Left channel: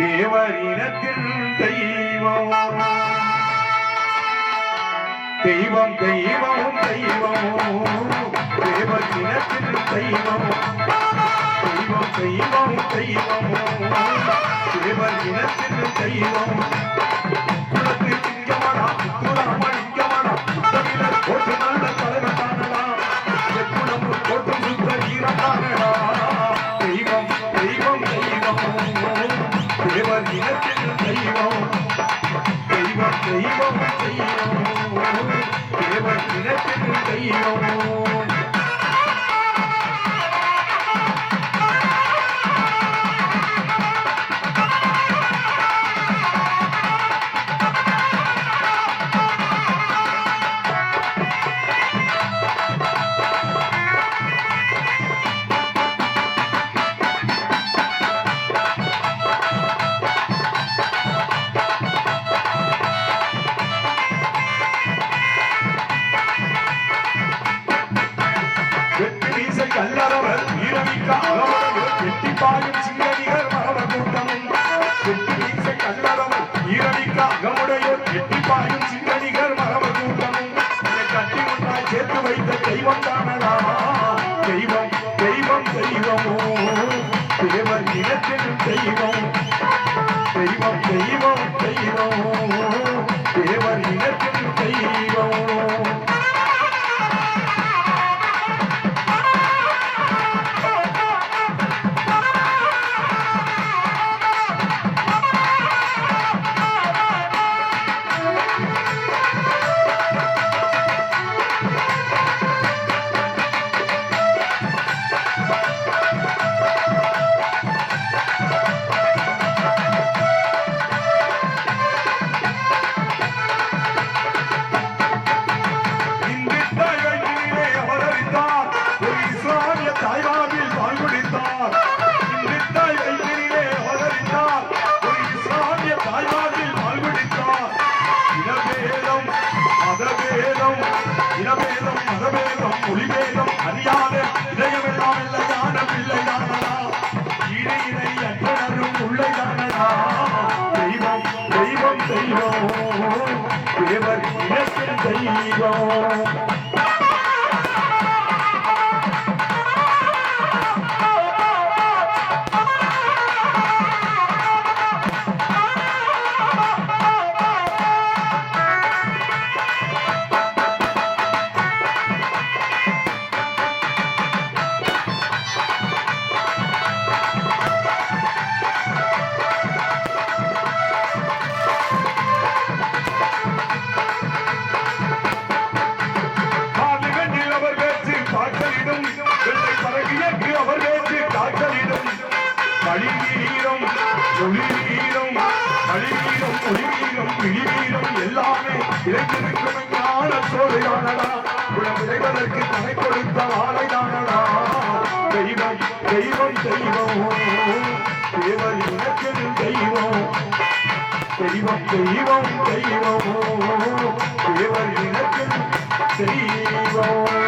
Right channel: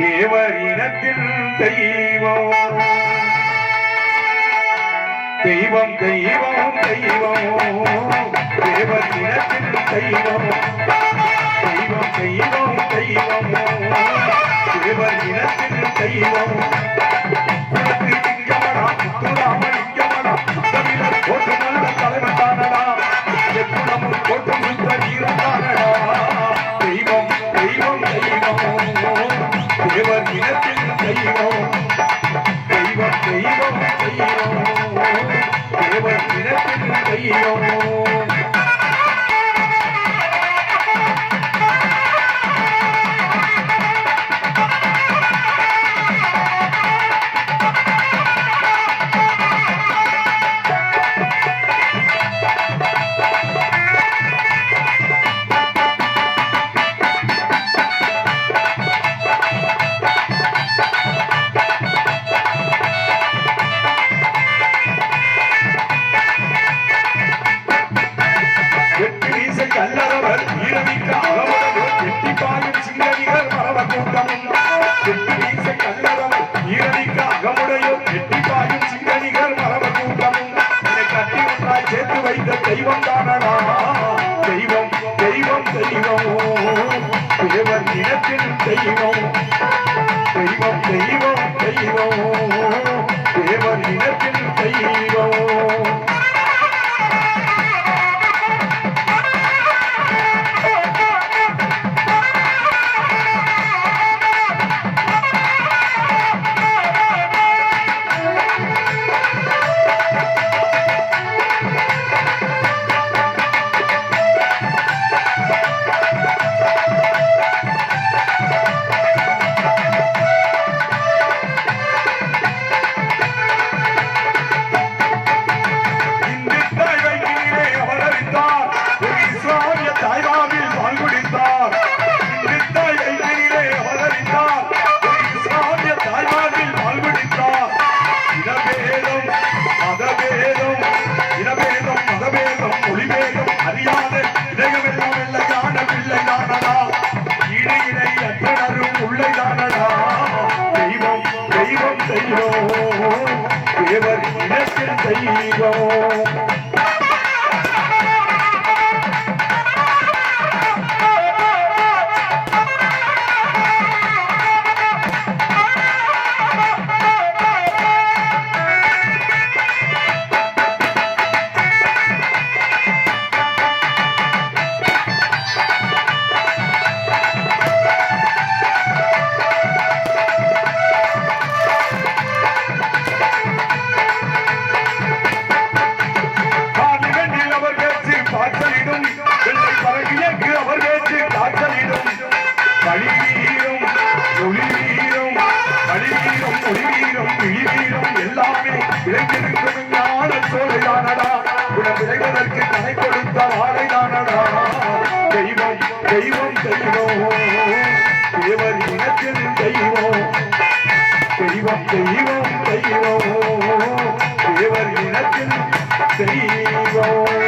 தேவர் தெய்வம். தெய்வம் தெய்வம் தெய்வம். தேவர் தெய்வம். தெய்வம் தெய்வம் தெய்வம். தேவர் தெய்வம். குலத்தை தமிழர் நல்ல தலைவன் தானடா. சுத்த வீரன் தானடா. தெய்வம் தெய்வம் தெய்வம். தேவர் இனத்தில் தெய்வம் தெய்வம் தெய்வம். தெய்வம் தேவர் இனத்தில் தெய்வம். தெய்வம் தானடா. தெய்வம் தெய்வம் தெய்வம். தேவன் இனத்தின் தெய்வம். தெய்வம் தெய்வம் தெய்வம். மதபேதம், இனபேதம், மதபேதம், மொழிபேதம் அறியாத இதயமெல்லாம் இல்லையான பிள்ளைதானடா. ஈடு இணை அற்றனரும் உள்ளைதானடா. தெய்வம் தெய்வம் தெய்வம் தேவர் இனத்தின் தெய்வம் களி வீரம் ஒளி எல்லாமே இளைஞருக்கு ஞான சோழையானடா குணம் விளைவதற்கு தனை கொடுத்த வாழையானடா தெய்வம் தெய்வம் தெய்வம். தேவர் இனத்தின் தெய்வம். தெய்வம் தெய்வம் தெய்வம். தேவர் இனத்தின் தெய்வம்.